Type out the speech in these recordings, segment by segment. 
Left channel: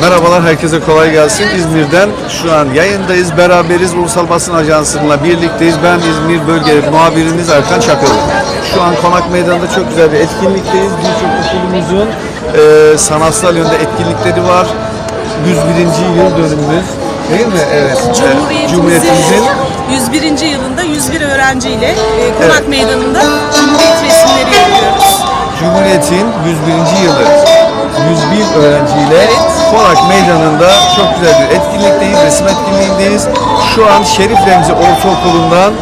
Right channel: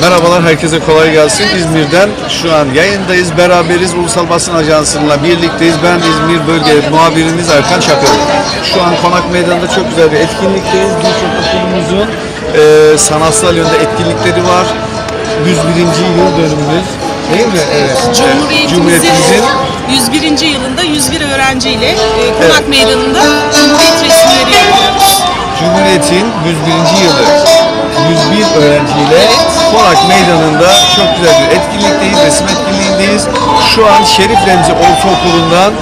Merhabalar, herkese kolay gelsin. İzmir'den şu an yayındayız, beraberiz. Ulusal Basın Ajansı'nla birlikteyiz. Ben İzmir Bölge Muhabiriniz Erkan Çakılı. Şu an Konak Meydanı'nda çok güzel bir etkinlikteyiz. Birçok okulumuzun e, sanatsal yönde etkinlikleri var. 101. yıl dönümümüz değil mi? Evet. E, Cumhuriyetimizin Cumhuriyetimizin 101. yılında 101 öğrenciyle e, Konak Evet. Meydanı'nda Cumhuriyet resimleri yapıyoruz. Cumhuriyet'in 101. yılı 101 öğrenciyle Konak Meydanı'nda çok güzel bir etkinlikteyiz, resim etkinliğindeyiz. Şu an Şerif Remzi Ortaokulu'ndan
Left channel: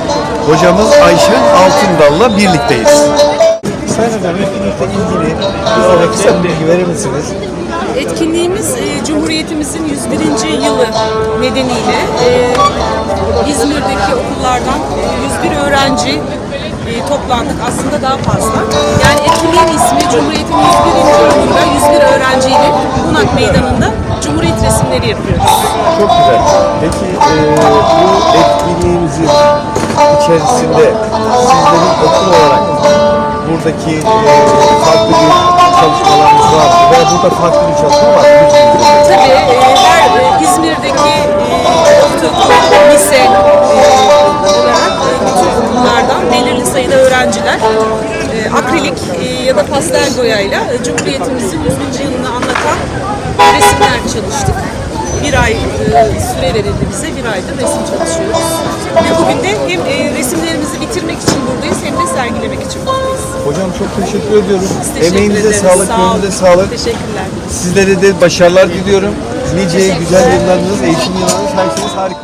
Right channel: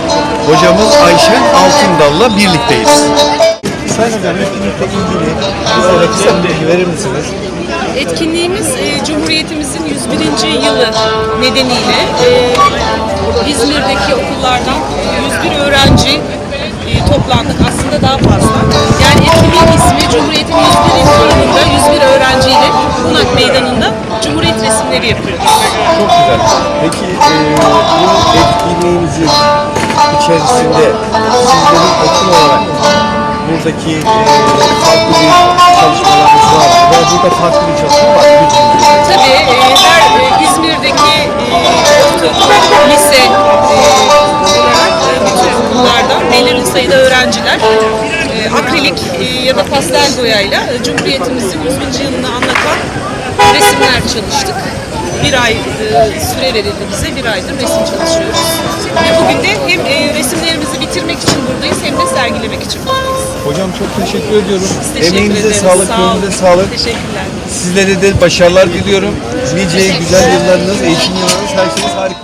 hocamız Ayşen Altındal'la birlikteyiz. Sayın Hocam etkinlikle ilgili bizlere kısa bir bilgi verir misiniz? Etkinliğimiz e, Cumhuriyetimizin 101. yılı nedeniyle e, İzmir'deki okullardan 101 öğrenci e, toplandık. Aslında daha fazla. Yani etkinliğin ismi Cumhuriyet'in 101. yılında yapıyoruz. Çok güzel. Peki e, bu etkinliğimizin içerisinde sizlerin okul olarak buradaki e, farklı bir çalışmalarınız var? Ve burada farklı bir çalışma var. Tabii e, her e, İzmir'deki e, ortaokul, lise e, olarak e, bütün okullardan belirli sayıda öğrenciler e, akrilik e, ya da pastel boyayla e, Cumhuriyetimizin 100. yılını anlatan resimler çalıştık. Bir ay e, süre verildi bize, bir aydır resim çalışıyoruz. Ve bugün de hem e, resimlerimizi bitirmek için buradayız hem de sergilemek için buradayız. Hocam çok teşekkür ediyorum. Biz teşekkür Emeğinize ederiz. sağlık, Sağ olun. gönlünüze sağlık. Teşekkürler. Sizlere de başarılar diliyorum. Nice güzel yıllarınız, eğitim yıllarınız, her şeyiniz harika.